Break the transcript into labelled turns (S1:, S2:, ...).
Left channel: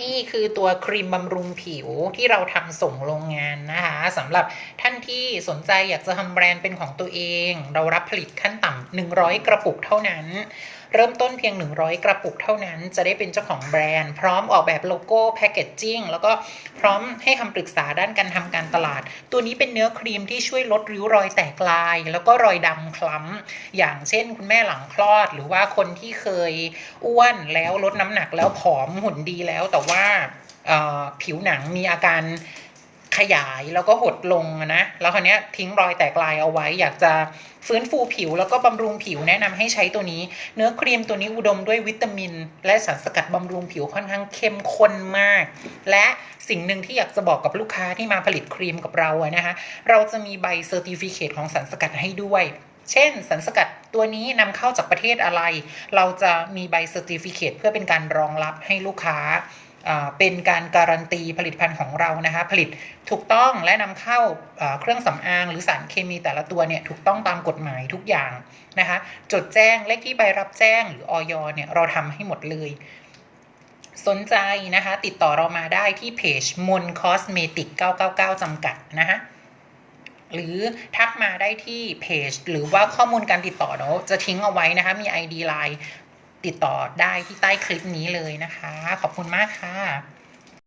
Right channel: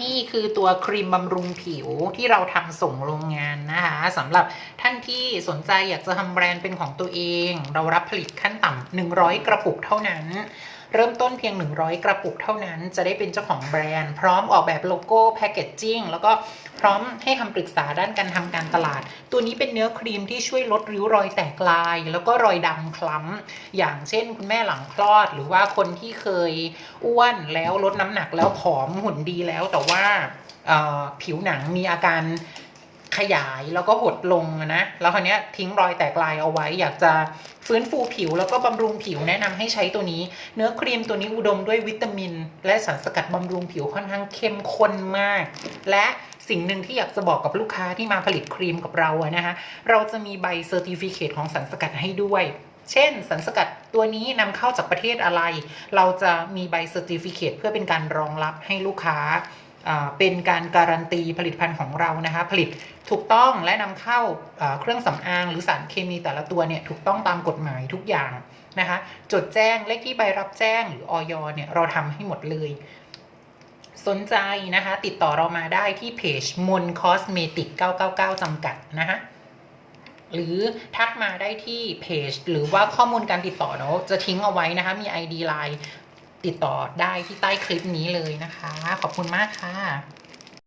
S1: นี่คือตัวครีมบำรุงผิวที่เราทำส่งโรงงานนะคะสำหรับท่านที่สนใจอยากจะทำแบรนด์เป็นของตัวเอง เรารับผลิตขั้นต่ำ100 กระปุกเท่านั้น เริ่มต้นเพียง 100 กระปุกเท่านั้น จะได้เป็นเจ้าของแบรนด์ พร้อมออกแบบโลโก้แพคเกจจิ้งแล้วก็พร้อมให้คำปรึกษาด้านการทำการตลาด ตัวนี้เป็นเนื้อครีมที่ช่วยลดริ้วรอยแตกลาย แล้วก็รอยดำคล้ำ อย่างเช่น คุณแม่หลังคลอด หรือว่าคนที่เคยอ้วนแล้วลดน้ำหนักแล้วผอมหุ่นดีแล้วแต่ว่าผิวหนังมีอาการ ขยายแล้วก็หดลงนะ แล้วคราวนี้ทิ้งรอยแตกลายเอาไว้ อยากจะฟื้นฟูผิวแล้วก็บำรุงผิวแนะนำให้ใช้ตัวนี้ เนื้อครีมตัวนี้อุดมด้วยวิตามิน และสารสกัดบำรุงผิวค่อนข้างเข้มข้นมาก และสิ่งหนึ่งที่อยากจะบอกกับลูกค้าที่มาผลิตครีมกับเราอะนะคะ เราจะมีใบเซอร์ติฟิเคตของสารสกัดให้ด้วย เช่นสารสกัดตัวนี้นำเข้าจากประเทศอะไร เราจะมีใบเซอร์ติฟิเคตเพื่อเป็นการรองรับให้ลูกค้า เป็นการการันตีผลิตภัณฑ์ของเรานะคะ ผลิตถูกต้องและนำเข้าเครื่องสำอางหรือสารเคมีแต่ละตัวเนี่ยถูกต้องตามกฎหมายทุกอย่างนะคะ จดแจ้งเลขที่ใบรับแจ้งหรือออยเนี่ยเราทำให้หมดเลย สนใจนะคะ ติดต่อเรามาได้ที่เพจมนคอสเมติก 999 จำกัดนะคะหรือทักมาได้ที่เพจหรือว่าข้อมูลการติดต่อเนาะจะทิ้งเอาไว้นะคะ มี ID Line ติดต่อได้ที่ใต้คลิปนี้เลยนะคะ ขอบคุณมากค่ะ